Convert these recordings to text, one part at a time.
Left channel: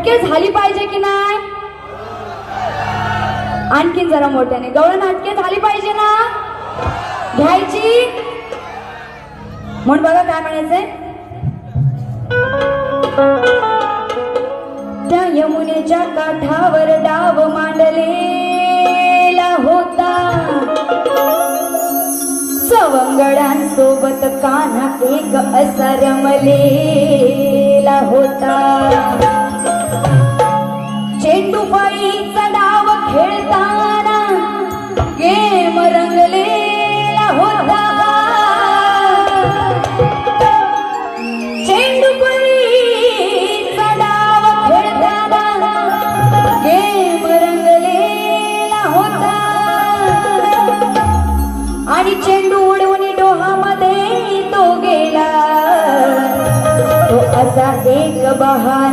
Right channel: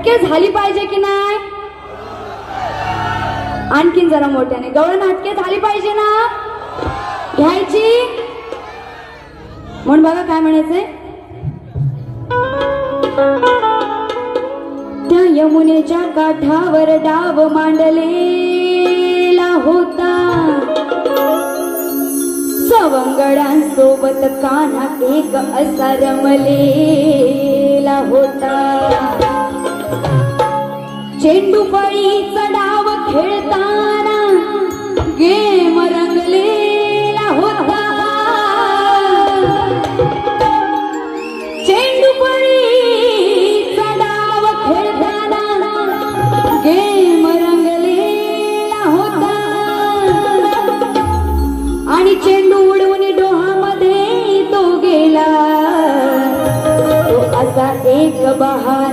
नाटके झाली पाहिजे की नाही? आणखीन जरा मोठ्याने. गवळ नाटके झाली पाहिजे ना? घ्यायची? म्हणून बघा काय म्हणायचंय. त्या यमुनेच्या काठावर डाव मांडलेला होता. सवंगडांसोबत काना एक असा रमलेला होता. प्रेम रंगलेला होता. आणि चेंडू उडवून डोहामध्ये तो गेला. तो असा एक बहार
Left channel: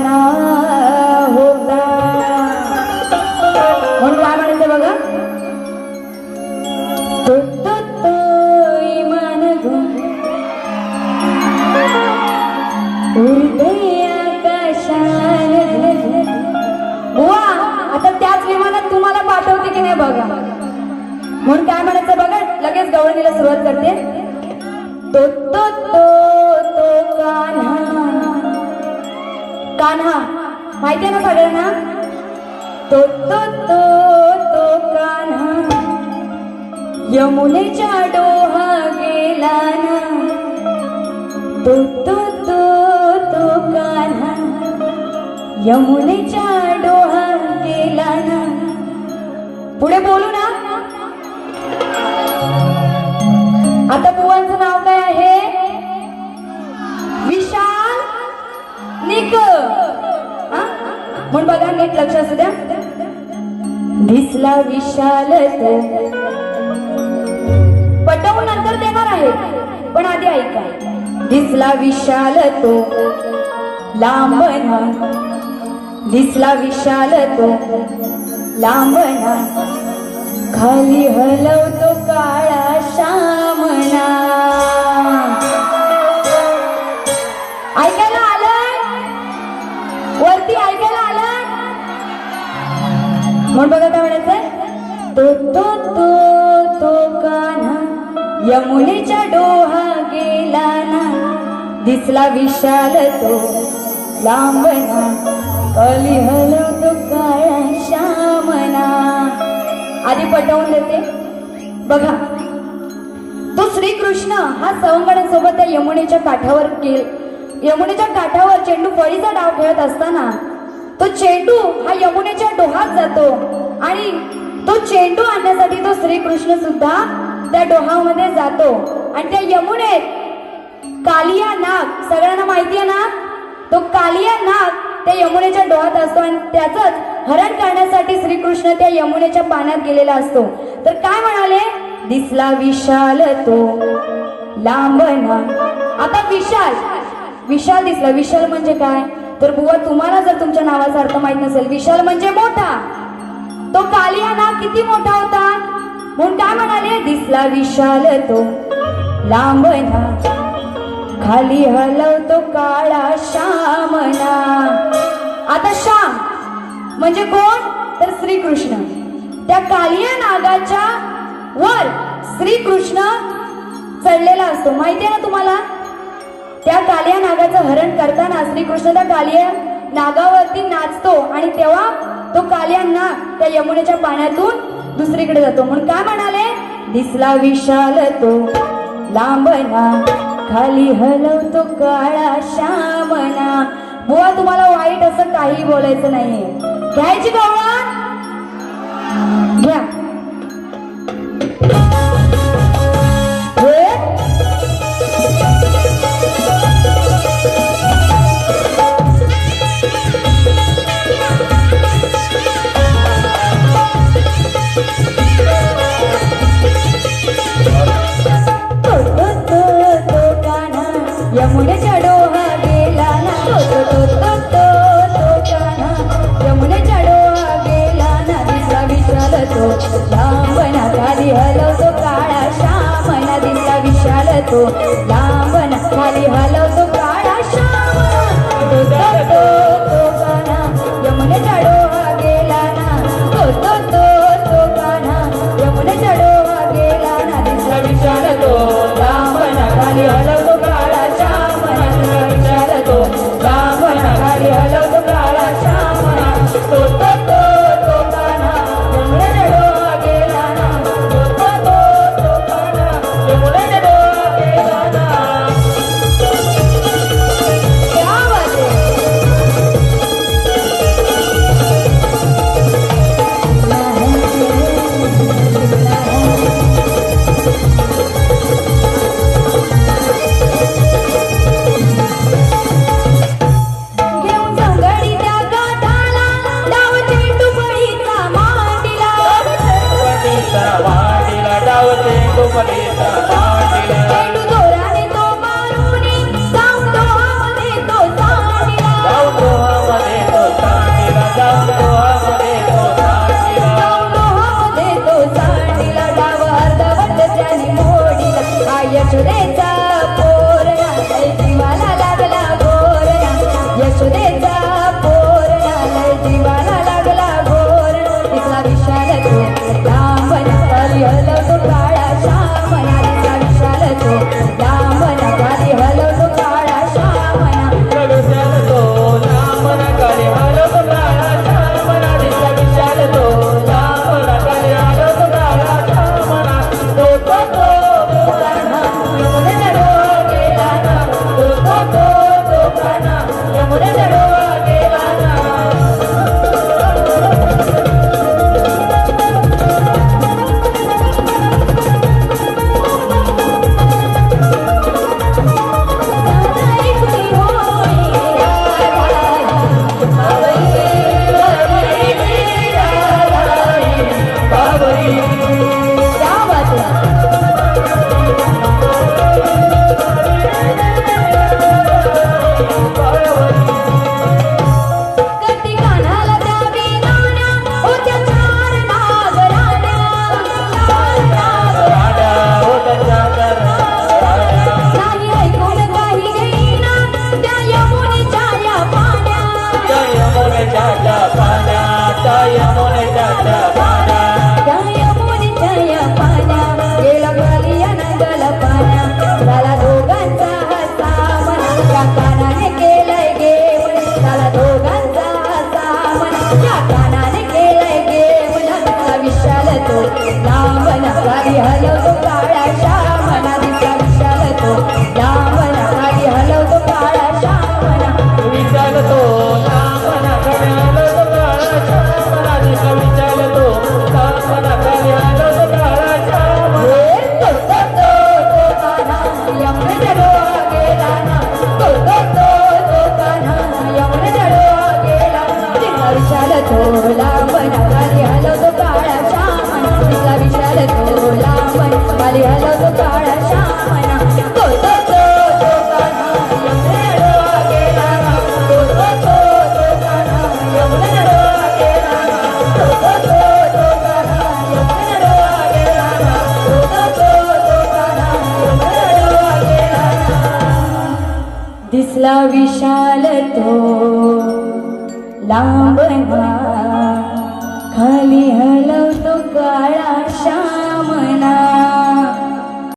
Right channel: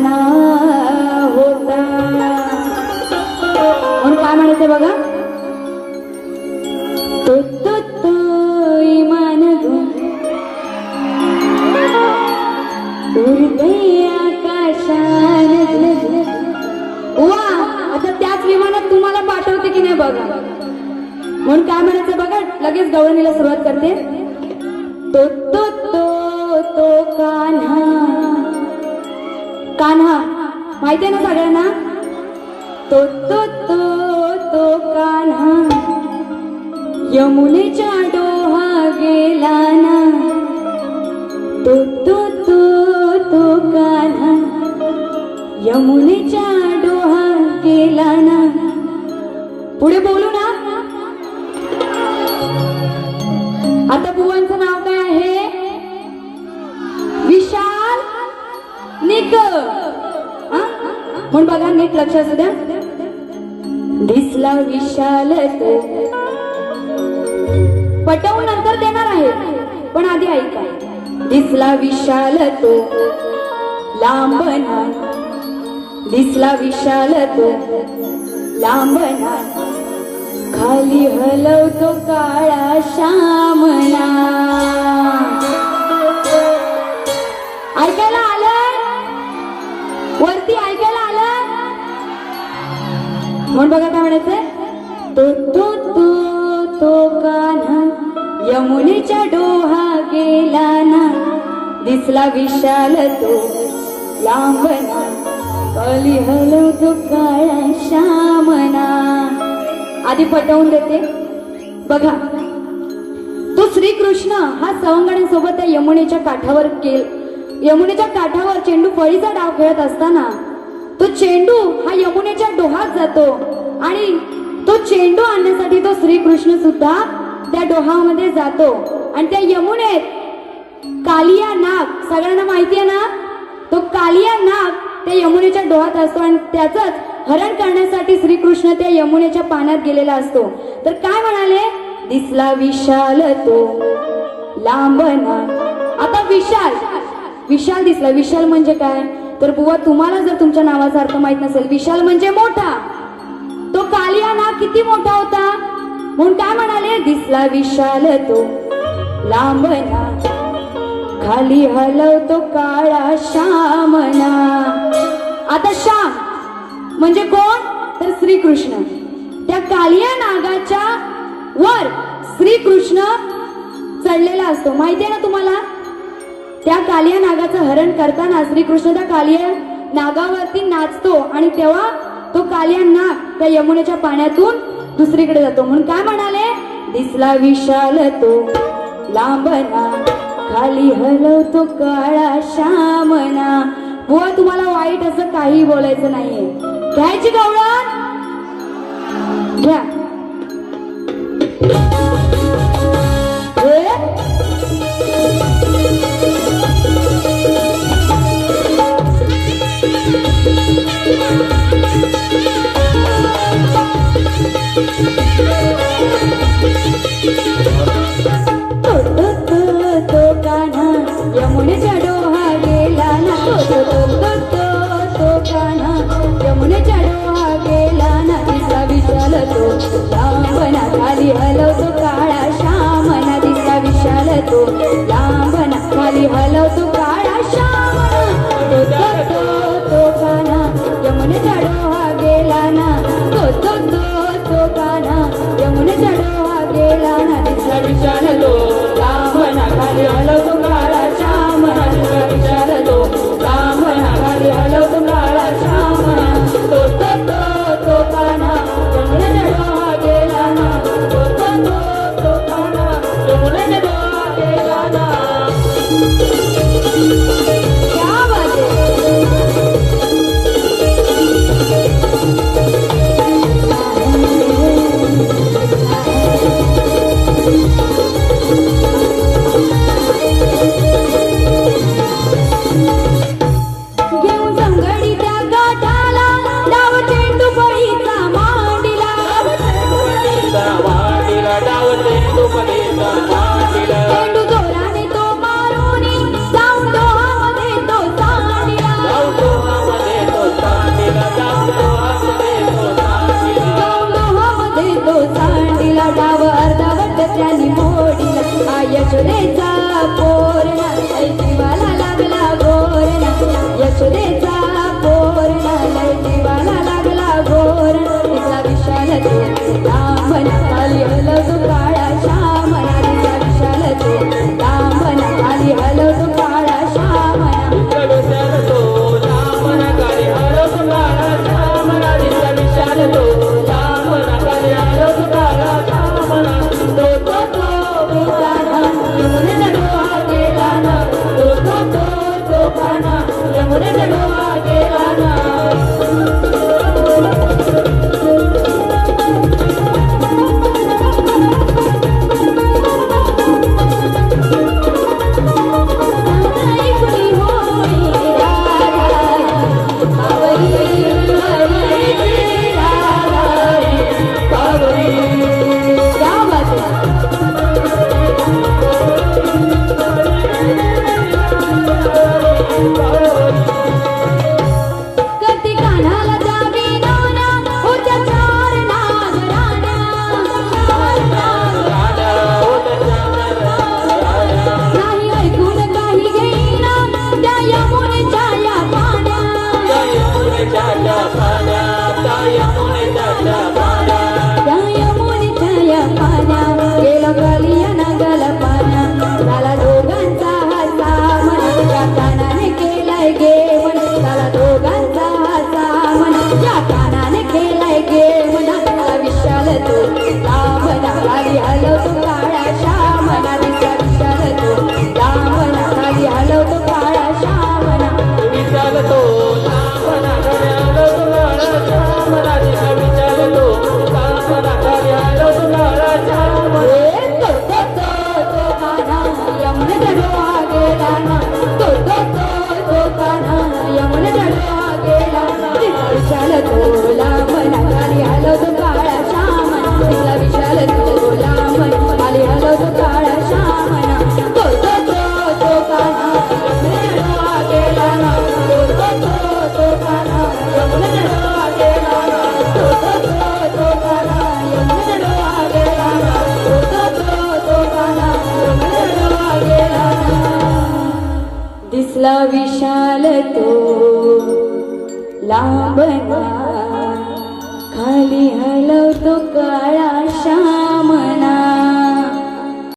बघा. म्हणून काय म्हणायचं बघा लगेच गवळणीला सुरुवात करते. तो तो तो तो कान्हा. कान्हा माहितीये ना सगळ्यांना? तो तो तो तो कान्हा. यमुनेच्या डोहा गेला ना तो तो तो तो कान्हा. यमुनेच्या डोहा गेला ना पुढे बोलू ना. आता बुवांचं नाव काय आहे? विशाल निक म्हणून बघा नीट लक्ष असू द्या. दिसला विशाल पटवून नंतर देणार आहे. पण आधी ऐका. दिसला विशाल तो. लांब दिसला विशाल तो. लांबना खाली हलवतो काळा श्यामना ऐकायला आलं वरती ऐकायला आलं म्हणून बघा काय म्हणायचं तो तो तो तो कान्हा यमुनेच्या डोहा गेला ना दिसला विशाल तो लांबना कली हलवतो काळा श्यामना. आधी पटवून देते. बघा. तो श्रीकृष्ण हा सवंगड्यांसोबत त्या यमुनेच्या काठावर गेल. यमुनेच्या काठावर चेंडू फळीचा डाव खेळत असताना तो चेंडू हा यमुनेच्या डोहात जातो आणि तो चेंडू आणण्यासाठी तो श्रीकृष्ण सुद्धा त्या डोहामध्ये जातो. आणि त्या यमुनेत कालिया नाग सगळ्यांना माहिती आहे ना? तो कालिया नाग त्या यमुनेच्या डोहात असतो आणि त्याचंच हरण करण्यासाठी श्रीकृष्ण त्या यमुनेच्या पाण्यात गेलेला असतो. तर काय म्हणाले? दिसला विशाल तो लांबना आता विशाल विशाल दिसला. विशाल म्हणजे काय? तर बुवा तुम्हाला जर तुमच्या नावाचा अर्थ माहीत नसेल विशाल म्हणजे मोठा. तो कालिया नाग किती मोठा होता? म्हणून काय म्हणाले? दिसला विशाल तो लांबना खाली हलवतो का? आता श्याम म्हणजे कोण? तर श्रीकृष्ण. त्या कालिया नागाच्या वर श्रीकृष्ण चढलेला असतो. माहितीये ना तुम्हाला? त्या कालिया नागाचं हरण करताना श्रीकृष्ण त्या कालिया नागावरती नाचतो आणि तेव्हा तो कालिया नाग त्या यमुनेच्या पाण्यातून दुसरीकडे जातो. म्हणून काय म्हणाले? दिसला विशाल तो लांबना खाली हलवतो काळा श्यामना बुवा तुम्हाला वाईट असं काही बोलायचं नाहीये. घ्यायची गवळण घ्या.